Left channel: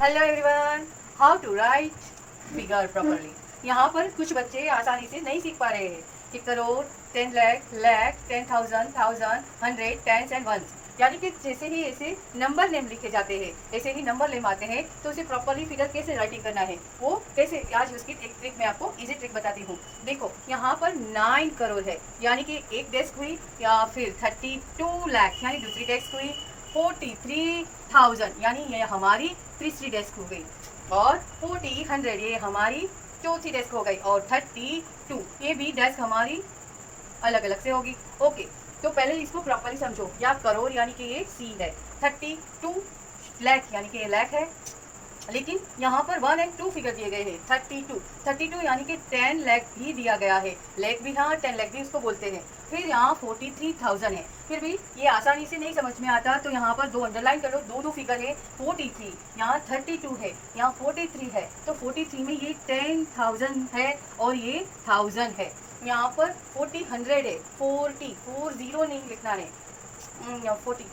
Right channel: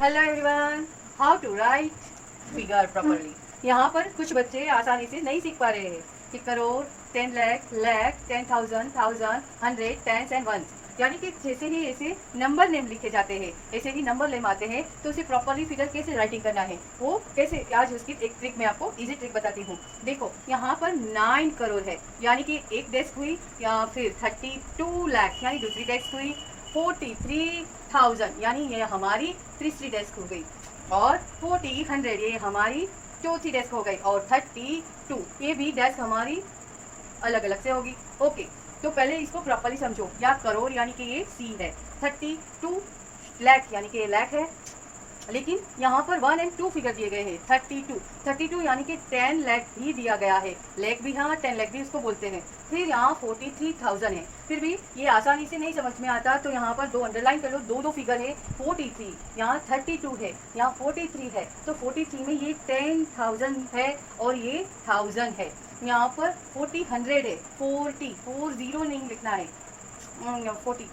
Hello everyone, how to write figure properly. यहाँ पर कुछ बच्चे आसानी से नहीं सीख पा रहे हैं कि crore, 10 lakh, lakh, 10,000, thousand, hundred, tens and ones, यानी कि जैसे ही ऐसे नंबर नेम लिखे जाते हैं ऐसे ही नंबर नेम आते हैं, तो उसे प्रॉपरली फिगर कैसे राइटिंग करना है वो कैसे, आज उसकी एक ट्रिक मैं आपको इजी ट्रिक बताती हूँ। देखो यहाँ पर 9 करोड़ है, यानी कि एक डेस्क हुई, या फिर 32 लाख यानी दूसरी डेस्क हुई, 43,000 यानी ये हमारी तीसरी डेस्क हो गई, और 40,100 ये हमारी चौथी डेस्क हो गई, और 32 ये भी डेस्क हमारी अलग अलग से होगी। ओके, तो पहले इसको प्रॉपरली समझो। या करोड़ यानी कि ये सी है, 32 लाख यानी कि ये लाख है, लेकिन यहाँ पर 1 और 2 फिगर दिए गए हैं। 32 यानी कि 10 लाख भी दिया गया है, लाख भी, हाँ 10 लाख भी उसको बोलते हैं। फिर यहाँ 43,000 है, फिर भी ये आसानी से नहीं समझ में आता, तो यहाँ पर 2 अंडरलाइन करो, दो फिगर है, 43 यहाँ 32 है, यहाँ 43 है, तो 43 में ये 10,000 है और ये 1000 है। यहाँ पर 100 है, 40 नहीं लिखना है, 40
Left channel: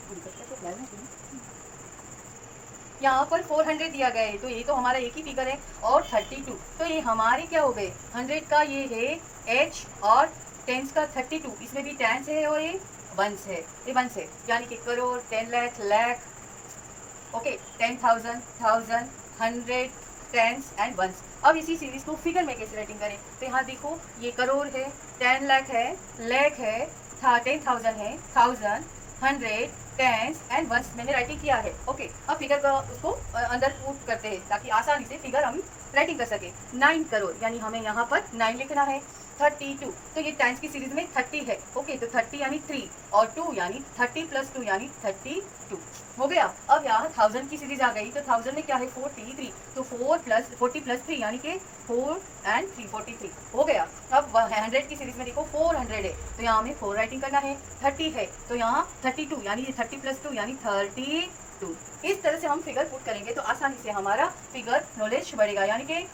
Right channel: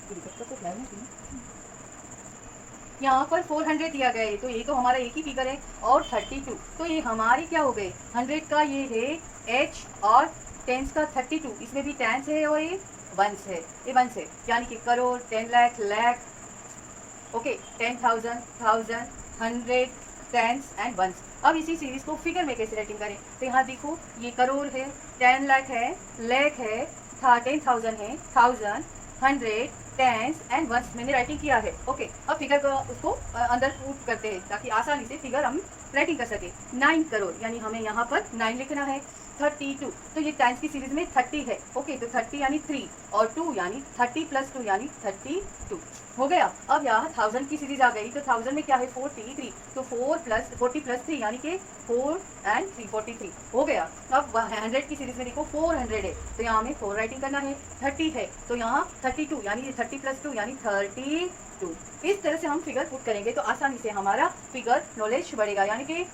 यहाँ पर 400 दिया गया है, तो ये तो हमारा एक ही फिगर है, और 32 तो ये हमारे क्या हो गए, 100 का ये है एच, और टेंस का 32, इसमें भी टेंस है और ये वंस है, ये वंस है, यानी कि crore, 10 lakh, lakh, okay, 10,000, thousand, hundred, tens and ones. अब इसी सीरीज को फिगर में कैसे राइटिंग करें, तो यहाँ देखो ये करोड़ है, 10 लाख है, लाख है, 10,000 है, thousand, hundred, tens and ones मैंने राइटिंग किया है। ओके, अब फिगर का उसको अंदर पुट करते हैं ताकि आसानी से फिगर हम राइटिंग कर सके। 9 करोड़ यानी हमें यहाँ पर 9 लिखना है। 32 तो ये टाइम्स की सीरीज में 30 है। ओके, तो 30 यानी 3, और 2 यानी 30 प्लस 2 यानी 32 हो गया। अब यहाँ 1000 की सीरीज आ गई, तो 1000 में क्या है 43, तो 40 प्लस 3 यानी कि 4 एंड 3 43 हो गया। अब 100 की सीरीज में देखो 400 है, तो यहाँ हमें 4 राइटिंग करना है। 30 है तो यहाँ 32 यानी 30 प्लस 2 यानी 32। इस तरह से हम फिगर पुट करेंगे तो आसानी से हमारा फिगर नॉलेज बढ़ेगा। यानी कि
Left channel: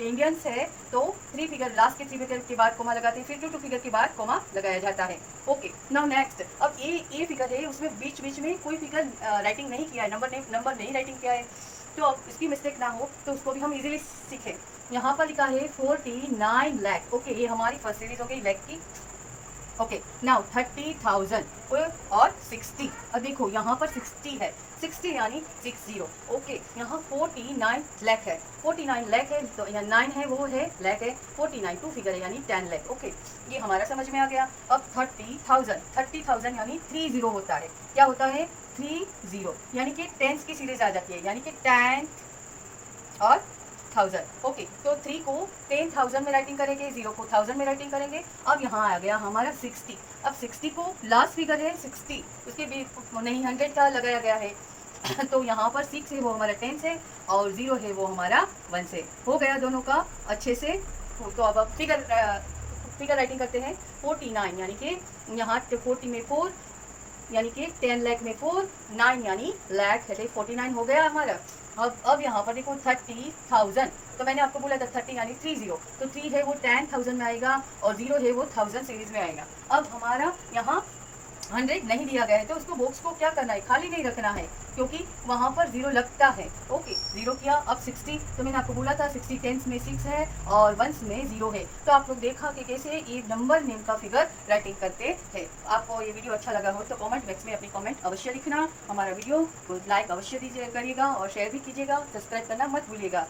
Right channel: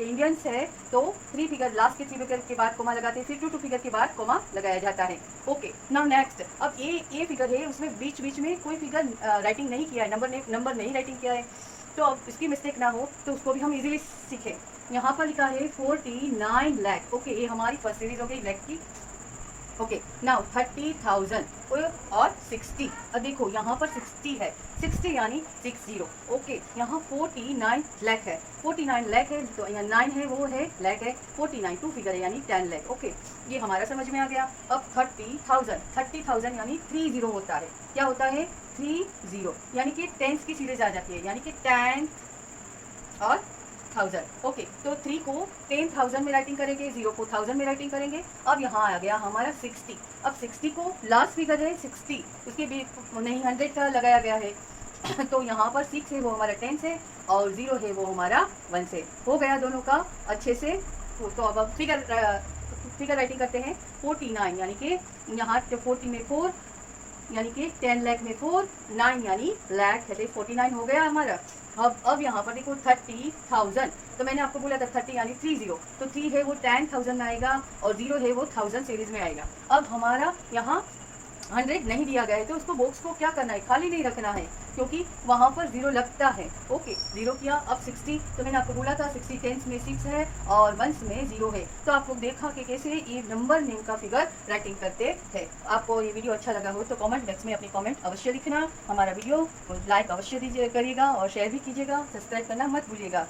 इंडियंस है तो 3 फिगर, लास्ट के 3 फिगर के बाद कोमा लगाते हैं, फिर 2 फिगर के बाद कोमा लगाया जाता है। ओके, नाउ नेक्स्ट, अब ये फिगर है, उसमें बीच बीच में कोई फिगर राइटिंग नहीं किया है, नंबर नहीं राइटिंग किया है, तो अब इसकी मिस्टेक ना हो तो उसको भी हम इजीली सीखें। यहाँ पर लिखा है 49 लाख। ओके, ये हमारी फर्स्ट सीरीज हो गई लाख की। ओके, नाउ 30,000 और 60। अब देखो यहाँ पर 60 है, 60 यानी 60। ओके, यहाँ 49 लाख है, 49 लाख है, तो यहाँ 9 है वो है लाख है, 49 2 फिगर है यानी 10 लाख। ओके, ये हमारा समझ में आ गया। अब 30,000 यानी 30 होता है, क्या होता है 30, यानी कि टेंस की सीरीज आ जाती है, यानी कि 10 और 1000। ओके, तो 3 को 10,000 में राइटिंग करेंगे, 0 को 1000 में राइटिंग करेंगे। अब यहाँ आ गया हमारा 60। अब 60 को लास्ट फिगर है 60, उसके भी नहीं 100 का लगाया गया है तो यहाँ पर 6 है वो हमारा 10 है, और 0 है वो हमारा 1 है। हो गया दोनों का अच्छे से। तो अब फिगर राइटिंग करते हैं। 49 यानी कि यहाँ 40 में 4 यानी कि 10 लाख में 4, 9 यानी लाख है, 49 हो गया हमारा। अब यहाँ पर देखो 30,000, तो मैंने आपको बोला था 30 यानी 30, तो 3 है वो 10,000 में आएगा, और 0 है वो 1000 सीरीज में आएगा। अब हमारा यहाँ 100 नहीं दिया गया है, तो उसको बॉक्स को क्या करना है, खाली नहीं रखना है, क्योंकि वहाँ पर 0 लगता है। ओके, 0 किया। अब 60, तो मैंने आपको बोला था 60 टेंस में 6 है और वंस में 0 है, तो आप लोग देखा कि कैसे ये नंबर नेम का फिगर राइटिंग करते हैं। आपको ये वीडियो अच्छा लगा हो तो कमेंट बॉक्स में अपनी कमेंट अवश्य लिखना। हमारा वीडियो को लाइक अवश्य करिएगा और शेयर भी कीजिएगा, सब्सक्राइब करना मत भूलिएगा।